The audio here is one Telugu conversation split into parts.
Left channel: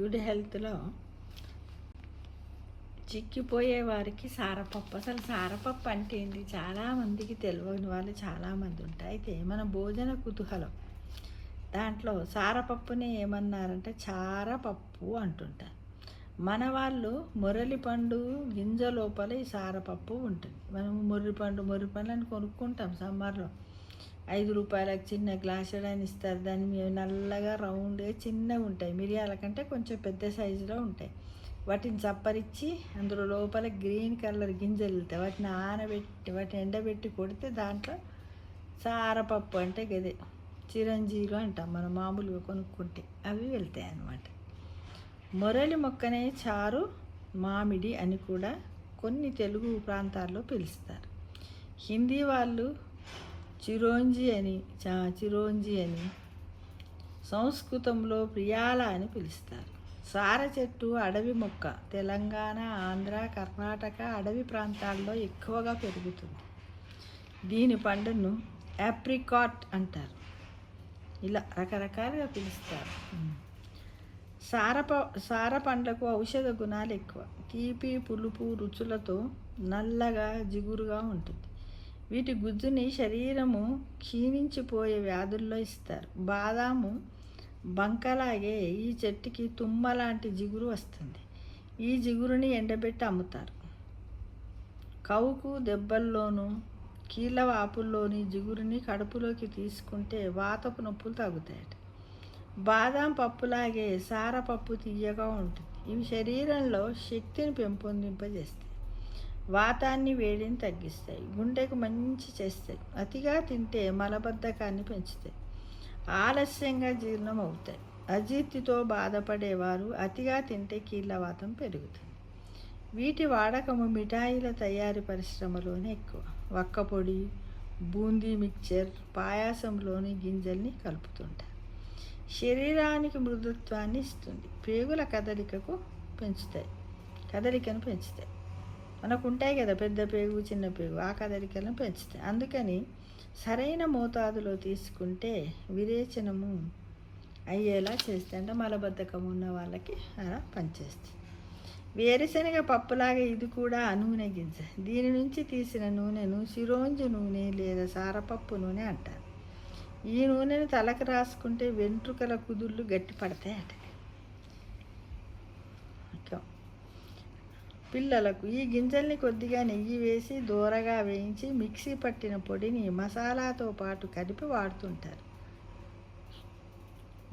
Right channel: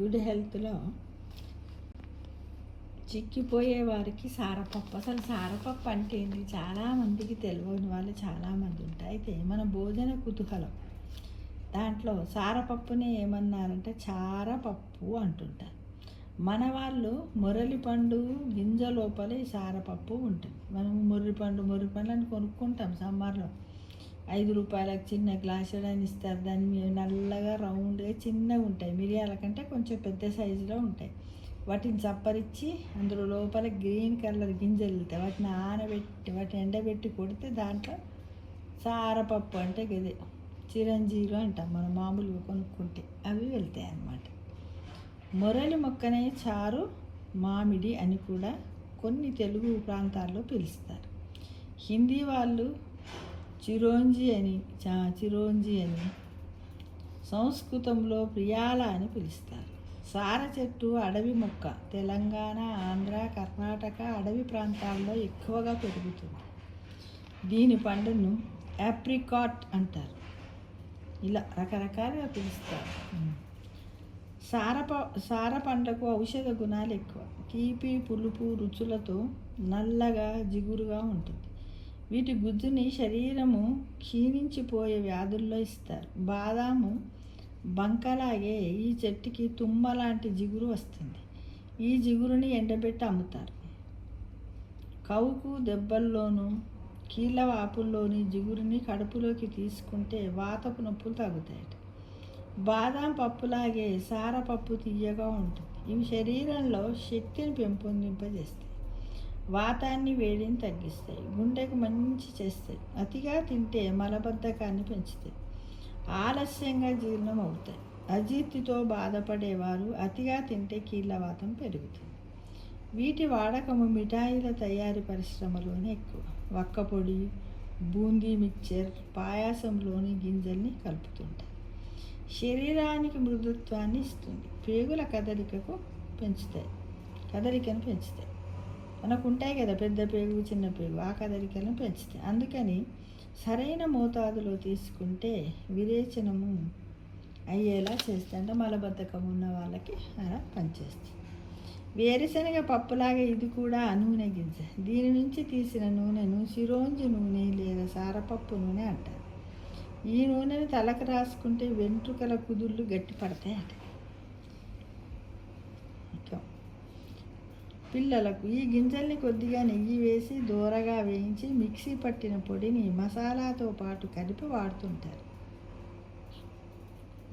గుడ్ హెల్త్లో చిక్కిపోయే వారికి సారపప్పు. అసలు సారపప్పు అంటే ఏంటి చాలామందికి తెలియని వాళ్ళు చాలామంది ఉంటారు. అయితే మన భోజన కుతూహలం దాంట్లో సారపప్పుని ఏమన్నారంటే చారపప్పు అంటుంటారు. మన వాళ్ళు మొరలిపండు గింజ లోపల ఈ సారపప్పు ఉంటుంది. మనం మొర్రిపండు అని కొనుక్కుంటాం సమ్మర్లో. 5 రూపాయలకు చిన్న గ్లాసు అని ఇస్తారు. దాన్ని మేము నల్లగా రౌండ్గా చిన్నగా ఉంటాయి. మిరియాల కంటే కొంచెం పెద్ద సైజులో ఉంటాయి. వాటిని చప్పరించి అందులో లోపల గ్రీన్ కలర్ గింజలు వెళ్తాయి. వాటిని ఆనబెట్టి వాటిని ఎండబెట్టి కొడితే దాంట్లో సారపప్పు అంటే గదే చిరంజీలు అంటాం మనం మామూలుగా కొనుక్కుంటే అవి వెళ్తాయి అన్నమాట. మొరలి మొక్కనే చారు మామిడి అని కూడా కొన్ని తెలుగు ప్రాంతాల్లో పిలుస్తారు. హిందీ వాళ్ళు చిరోంజి అని సంస్కృతంలో ప్రియాల అని పిలుస్తారు. సార చెట్టు అడవి మొక్క తెలంగాణ, ఆంధ్ర, కర్ణాటక అడవి ప్రాంతాల్లో ఎక్కువగా పెరుగుతుంది. దీని పండును యాప్రికాట్ అంటారు. ఇలా రకరకాలుగా పిలుస్తారు. సార పండ్లకు ఔషధ గుణాలు ఎక్కువ. తీపి పులుపు రుచులతో నల్లగా జిగురుగా ఉంటుంది. వీటి గుజ్జుని శరీరము క్షీణించిపోయే వ్యాధుల్లో ఇస్తారు. బాదాము బంకలాగే ఈ చెట్టుకి తుమ్మ లాంటి జిగురు వస్తుంది. ఈ జిగురుని ఎండబెట్టి అమ్ముతారు. కవుకు దెబ్బల్లోనూ కీళ్ళ వాపుల్లోని జిగురుని కడుపులోకి తీసుకుంటే వాతపు నొప్పులు తగ్గుతాయట. బాదాం పప్పులాగే సారపప్పు తీయగా ఉంటుంది. ఇవి శరీరంలో శక్తిని పెంపొందింపజేస్తాయి. వాతాన్ని వేడిని తగ్గిస్తాయి. గుండెకు మంచి చేస్తాయి. అతిగా తింటే మలబద్ధకాన్ని పెంచుతాయి. ఆలస్యంగా జీర్ణం అవుతాయి. అజీర్తితో బాధపడేవారు అతిగా తింటే కీళ్ళవాతం పెరుగుతుంది. వీటి వాడకము మిఠాయిల తయారీ పరిశ్రమలోనే ఎక్కువ. వక్కపొడి, బూందీ మిక్చర్, పాయాసంలోని గింజల్ని కలుపుతుంటారు. శరీరానికి మృదుత్వాన్ని ఇస్తుంది. పేగుల కదలికను పెంచుతాయి. మనకు ఉంటాయి కదా పెద్ద పేగు చిన్న పేగు, ఆ కదలికలను పెంచుతాయి. అందుకని సరైన మోతాదులో తీసుకుంటే విరేచనము అయ్యేలా చేస్తాయి. అంటే మలబద్ధకం ఉన్న వాళ్ళకి అలా పనిచేస్తుంది. వేరుశనగ పప్పులాగా ఇది కూడా నూనె గింజ. దీని నుంచి తీసిన నూనెను చిరోంజి నూనె లేదా సారపప్పు నూనె అంటారు. ఈ నూనెను తలకు రాసుకుంటే వెంట్రుకల కుదుళ్ళు గట్టి పడతాయట. పిల్లలకు ఈ గింజల్ని కొద్దిగా నెయ్యి వేసి దూరగా వేయించి మిక్సీ పట్టిన పొడిని మసాలాతో పాటు కలిపి వాడుతుంటారు.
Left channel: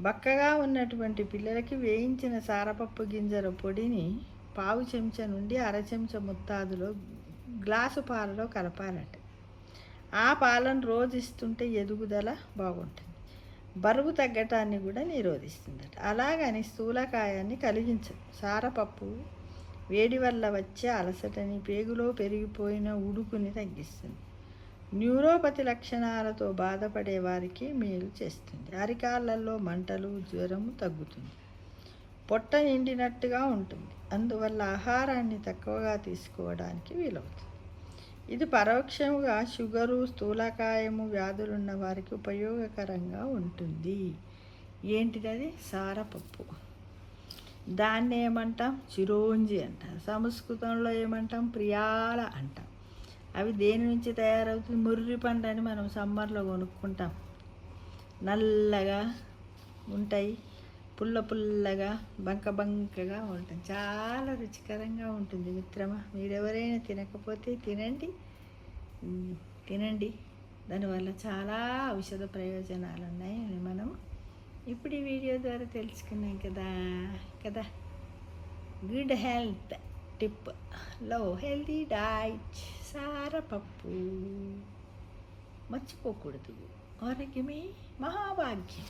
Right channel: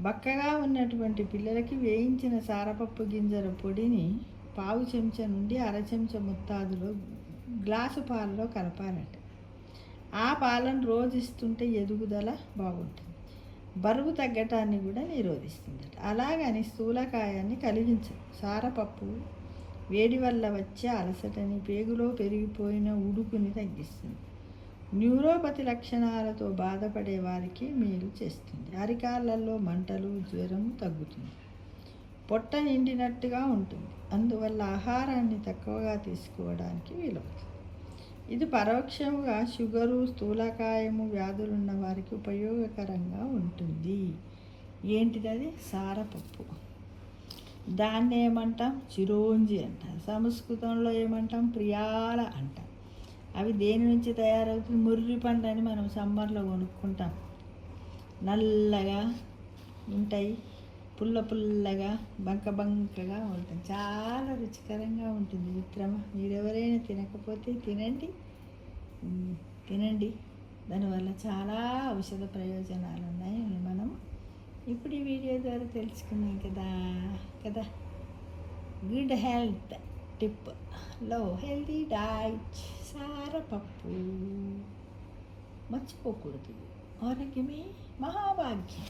బక్కగా ఉన్నటువంటి పిల్లలకి వేయించిన సారపప్పు గింజల పొడిని పావు చెంచా నుండి అర చెంచా మొత్తాదులో గ్లాసు పాలలో కలపాలట. ఆ పాలను రోజు ఇస్తుంటే ఎదుగుదల బాగుంటుంది. బరువు తగ్గటాన్ని కూడా నిరోధిస్తుందట. అలాగని స్థూలకాయాన్ని కలిగించదు. సారపప్పు వేడి వల్ల వచ్చే అలసటని, పేగులో పెరిగిపోయిన ఉడుకుని తగ్గిస్తుంది. న్యూరోపతి లక్షణాలతో బాధపడే వారికి మేలు చేస్తుంది. అరికాళ్ళల్లో మంటలు, జ్వరము తగ్గుతుంది. పొట్ట నిండినట్టుగా ఉంటుంది. అందువల్ల ఆహారాన్ని తక్కువగా తీసుకోవడానికి వీలవుతుంది. ఇది పరోక్షంగా షుగరు, స్థూలకాయము వ్యాధులున్న వారికి ఉపయోగకరంగా ఉంటుంది. ఏంటిది? సారపప్పు. దాన్ని ఏమంటాం? చిరోంజి అంటాం. సంస్కృతంలో ఏమంటాం? ప్రియాల అంటాం. అవి దేని నుంచి తయారవుతుంది? ముర్రిపండు అని మనం సమ్మర్లో కొనుక్కుంటాం. నల్లగా ఉంటాయి, పుల్లగా బంకగా ఉంటుంది. చాలా రుచికరంగా ఉంటుంది. మిత్రమా, మీరెవరైనా తినకపోతే తినండి. దానివల్ల చాలా ఔషధ ప్రయోజనాలు ఉన్నాయి. మనం ఇప్పుడు ఈ వీడియో ద్వారా తెలుసుకున్నాం కదా. గుడ్ హెల్త్ టిప్లో హెల్తీ డైట్ సారపప్పు మర్చిపోకూడదు. ఆరోగ్యమే మహాభాగ్యం.